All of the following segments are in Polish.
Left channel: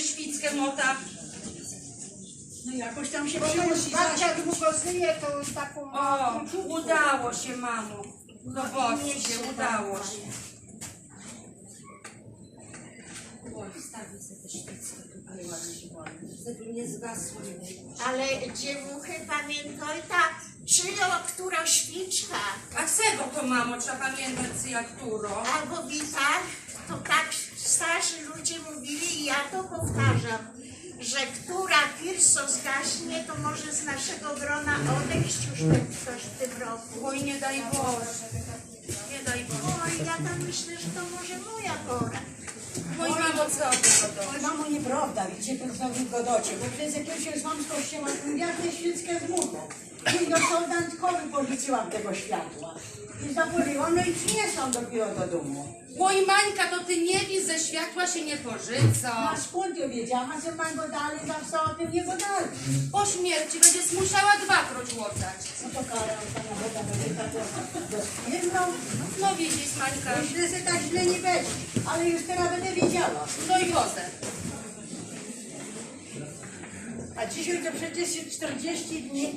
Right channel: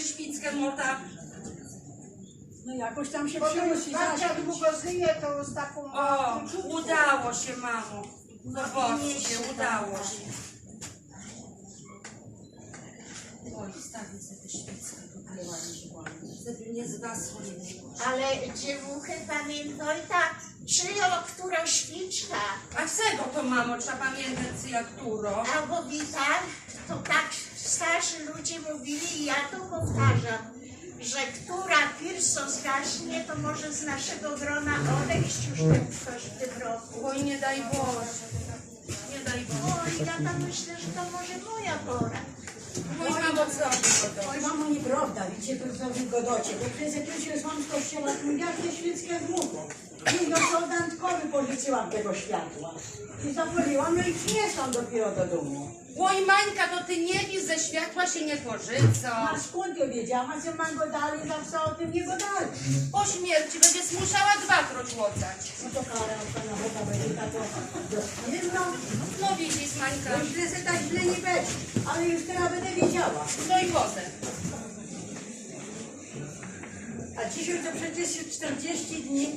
świeckę mota. No jakoś tam się to przynosi babcia zaśpić. długo żyje, to taką O, udało się, mamo. Zobaczcie, udało się. Oj, wstawię sobie tę świeckę tutaj ładnie się ładnie, żeby nie zgasło. Ale dziewuchy pamiętaj ta, czyjo, która świczka, A czego to, mamo, trzeba pamiętać, jak któro? albo witar, to tak starzy ludzie mówili i ja to powtarzam, że która pierso zgaśnie, to może z naszego grona odejść już ten ktoś w tym roku. Oj, nie daj Boże. Nie daj Boże. Oj, ja tam myślę, że to może moja pora. Oj, mamo, co to? Mamo, nieprawda, widzicie, to znowu godocie, bo przez jakiegoś mam z kościoła, jak nie świeckę z mugą. I do sołdantkowy policzyłam tego światła. I zapaliłam, no i przyniosłam dopiero do domu. Oj, Mańka, to ty nie wiesz, ze światła się nie korzyca. A skąd ja wiedziałam, a że mam go dalej, zawsze o tym nie go dalej. Po śmierci będziesz musiała dwakroć łotać. No to parę, pana woda będzie to dostwierdzał. No widzisz, Mańka, Bo źle tak źle nie będzie, ale już teraz będę wiedziała. no i wodę. A dzisiaj to przecież jest 40 dni,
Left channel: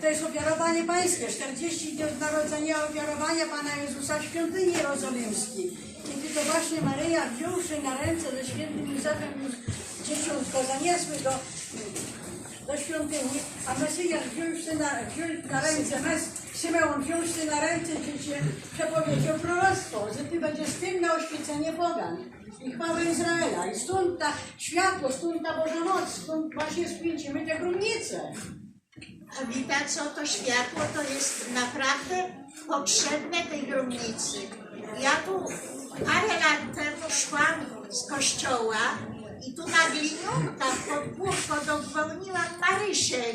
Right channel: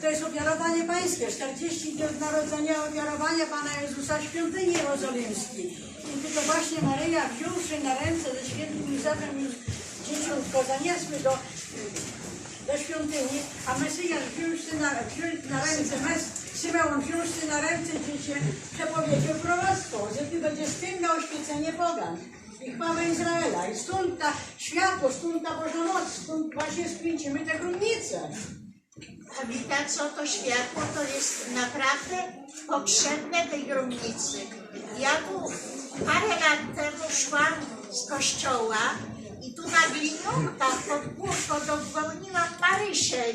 to jest ofiarowanie pańskie, 40 dni od narodzenia ofiarowania Pana Jezusa w świątyni jerozolimskiej. I gdy to właśnie Maryja wziąwszy na ręce ze świętym Józefem już dzieciątko zaniesły do, do świątyni, a Mesjasz wziąwszy na, wziął na ręce, Mes, Symeon wziąwszy na ręce dziecię, przepowiedział proroctwo, że Ty będziesz tym na oświecenie pogan i chwałę Izraela. I stąd ta światło, stąd ta Boża Noc, stąd właśnie skręcimy te grunnice. A widać, co to światło to jest naprawdę potrzebne tej gromnicy. Ja tu parę lat temu szłam z kościoła i tu na gliniunkach pod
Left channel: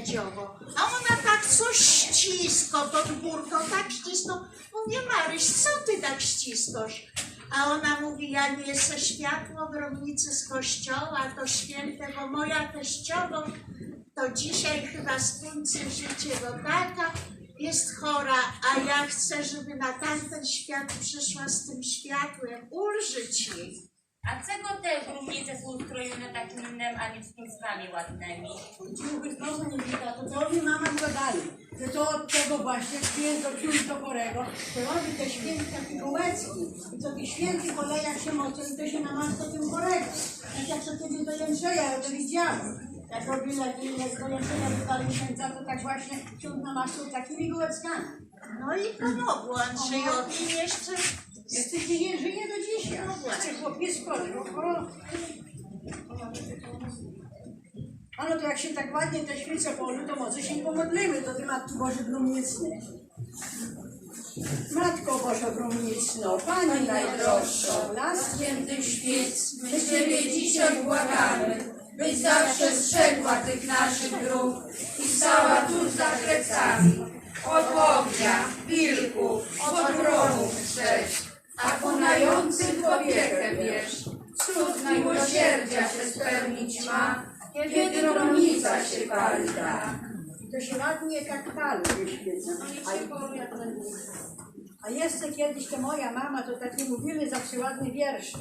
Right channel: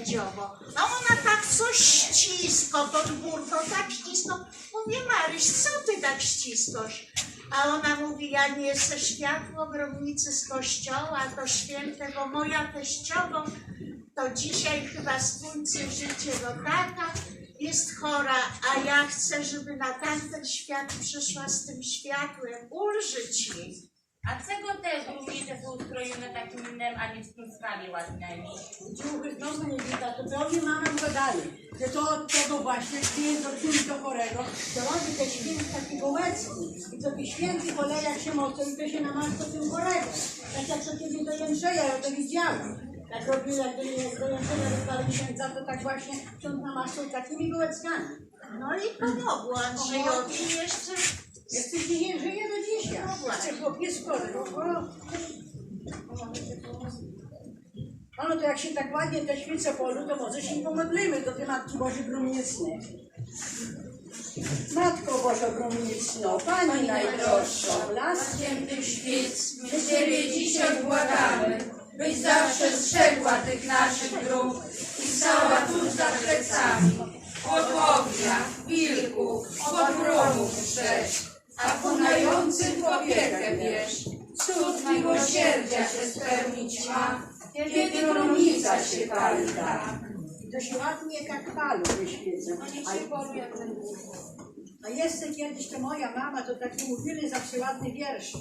Dziobo. A ona tak coś ścisko pod górką, tak ścisko. Mówię, Maryś, co ty tak ściskasz? A ona mówi, ja nie jestem światło gromnicy z kościoła, to święte, bo moja teściową to dzisiaj chyba skończy życie, bo tata jest chora, a ja chcę, żeby na tamten świat przyszła z tym światłem, ulżyć jej. A czego te grumnice są ustrojone takim innym, a nie z ładnymi? Ciuchy znowu nie widać, to co mi mama go dali. Że to od tego właśnie, jest do ksiądz do chorego, to robi te święty taki gołecki. I co tych świętych olejach się mocą i to się namaszcza tym chorego. Tak jak co kiedyś do Jędrzeja, ja to widziałam. Jak robili, jak do Jędrzeja wydali księdza, to tak właśnie ksiądz namaszczał takimi gołeckami. No i pomogło Andrzejowi jeszcze. Jeszcze nie żyje do dzisiaj. No właśnie. Jeszcze chłopiec chory. O. A no to jak się tak ładnie te świece położy, to może się pomodlimy do tej Matki Bożej Gromnicnej. Matko Bożo Gromnicno, Pani najdroższa, las Świętych świec, my Ciebie dzisiaj błagamy, byś zawsze strzegła tych naszych dróg i stała tuż za plecami. Od tak. I to się ładnie jak palu wyświeca. A, a jeszcze kiedyś to moja mama to takie mówili zawsze ładne wiersze.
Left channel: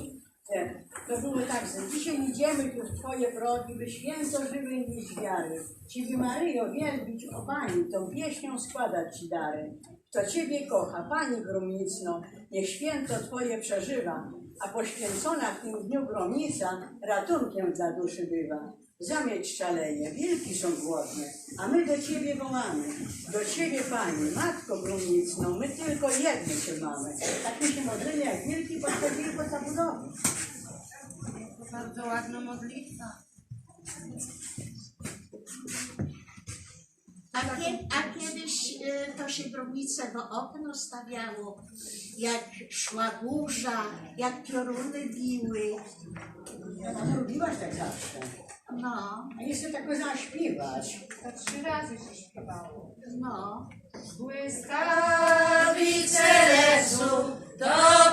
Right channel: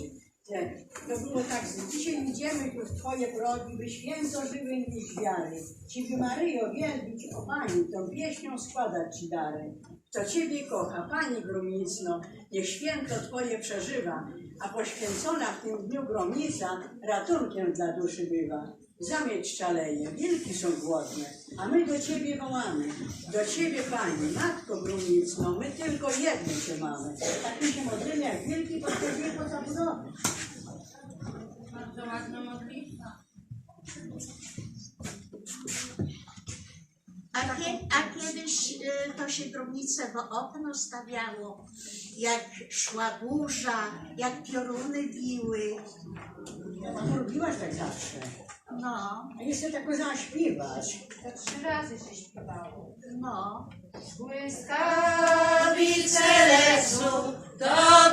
Te, to było tak, że dzisiaj idziemy tu w Twoje progi, by święto żywy niż wiary. Ciebie Maryjo wielbić, o Pani, tą pieśnią składać Ci dary. Kto Ciebie kocha, Pani Gromnicno, niech święto Twoje przeżywa, a poświęcona w tym dniu gromnica ratunkiem dla duszy bywa. Zamieć szaleje, wilki są głodne, a my do Ciebie wołamy. Do Ciebie, Pani, Matko Gromnicno, my tylko jedno Cię mamy. Tak my się modlimy jak wilki podchodzili po zabudowę. Bardzo ładna modlitwa. A, kie, a kiedyś y, to się gromnicę w okno stawiało, jak szła burza, jak pioruny biły. Ja tam robiłaś tak zawsze. No, A jeszcze tak zaśpiewać. Tak trzy razy się śpiewało. no. Błyskawice lecą, do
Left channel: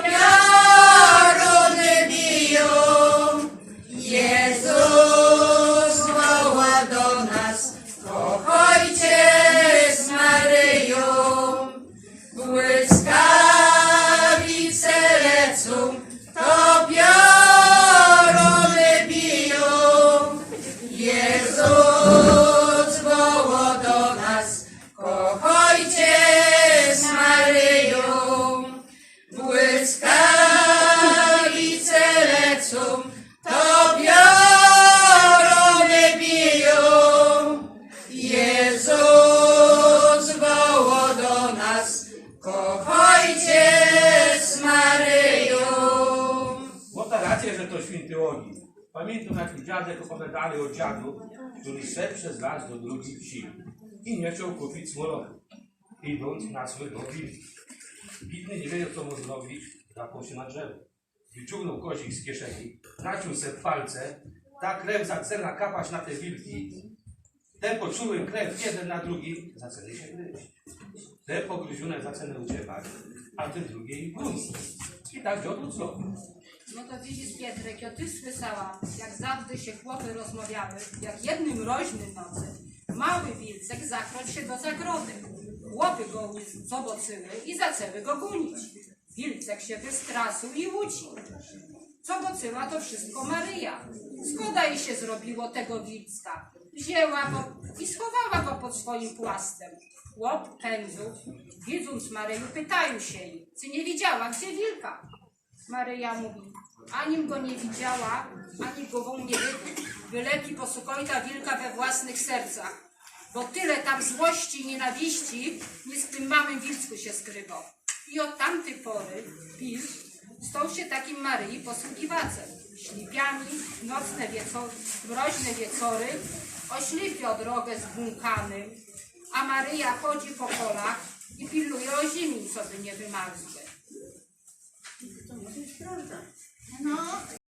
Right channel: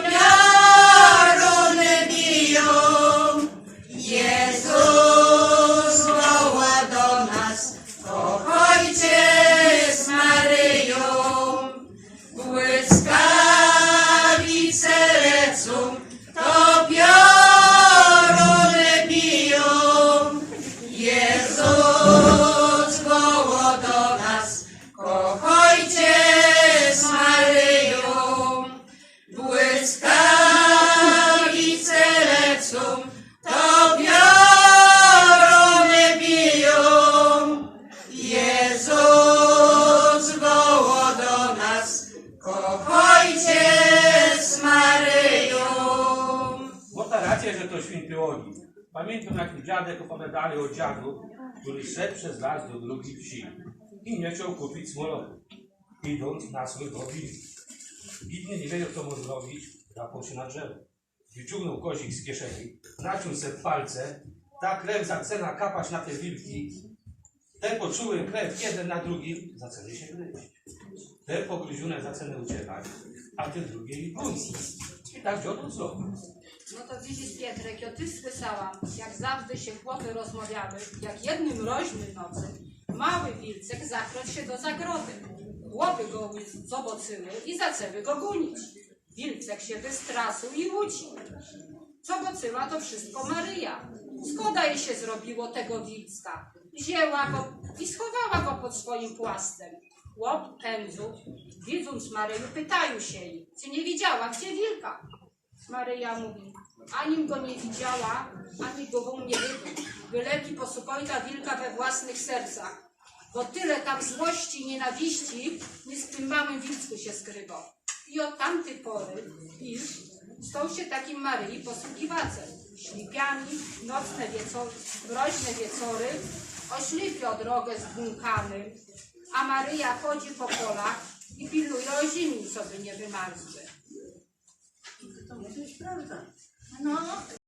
pioruny biją. Jezus woła do nas, pochodźcie z Maryją. Błyskawice lecą, to pioruny woła do nas, kochajcie z Maryją, błyskawice lecą, to piorony biją. Jezus woła do nas, kochajcie z Maryją. Bo ta racja, że to święty ogień. Pamiętam, jak mi dziadek opowiadali o dziadu, który szedł przez las do drugiej wsi i nie chciał kupić smolochu, idąc na swych wilki. Bidny nie wiedział, co mu zrobić, zapał się na drzewo. Wyciągnął kozik z kieszeni, naciął se palce, ta krew zaczyna kapać na te wilki. Te poczuły krew jeden na drugim, zaczęli się gryźć. Te pogryzione zaczęły uciekać, a te drugie gonić. I tak dziobro co? No to widzisz Pietrek, ja ty słyszałam, jak zawsze się chłopy rozmawiały, jak jednym mroźnym nocy mały wilcek zakroć się do zagrody. Chłopy go zobaczyły i zaczęły go gonić. Wilcek się wystraszył i uciekł. Co to wszystko Maryja. Szkoda jej się zrobiło tego wilcka. Wzięła go i schowała go pod swoim płastem. Chłop pędzu, widząc Maryju, pytają się jej, czy nie widziała gdzie wilka. Maryja mówi, anim go nie widziała, ani go wą nie wybył. Wyleki posukojta wilka we własnych sercach, bo tyle tam złości i nienawiści nie z tym małym wilcku się skrywa. I od tamtej pory wilk stał się takim Maryi posługiwacem. Ślipiami, nocne wieczory, mroźne wieczory, oślipio drogę z a Maryja chodzi po polach i pilnuje o ziemi, co by nie wymarzły. Je však.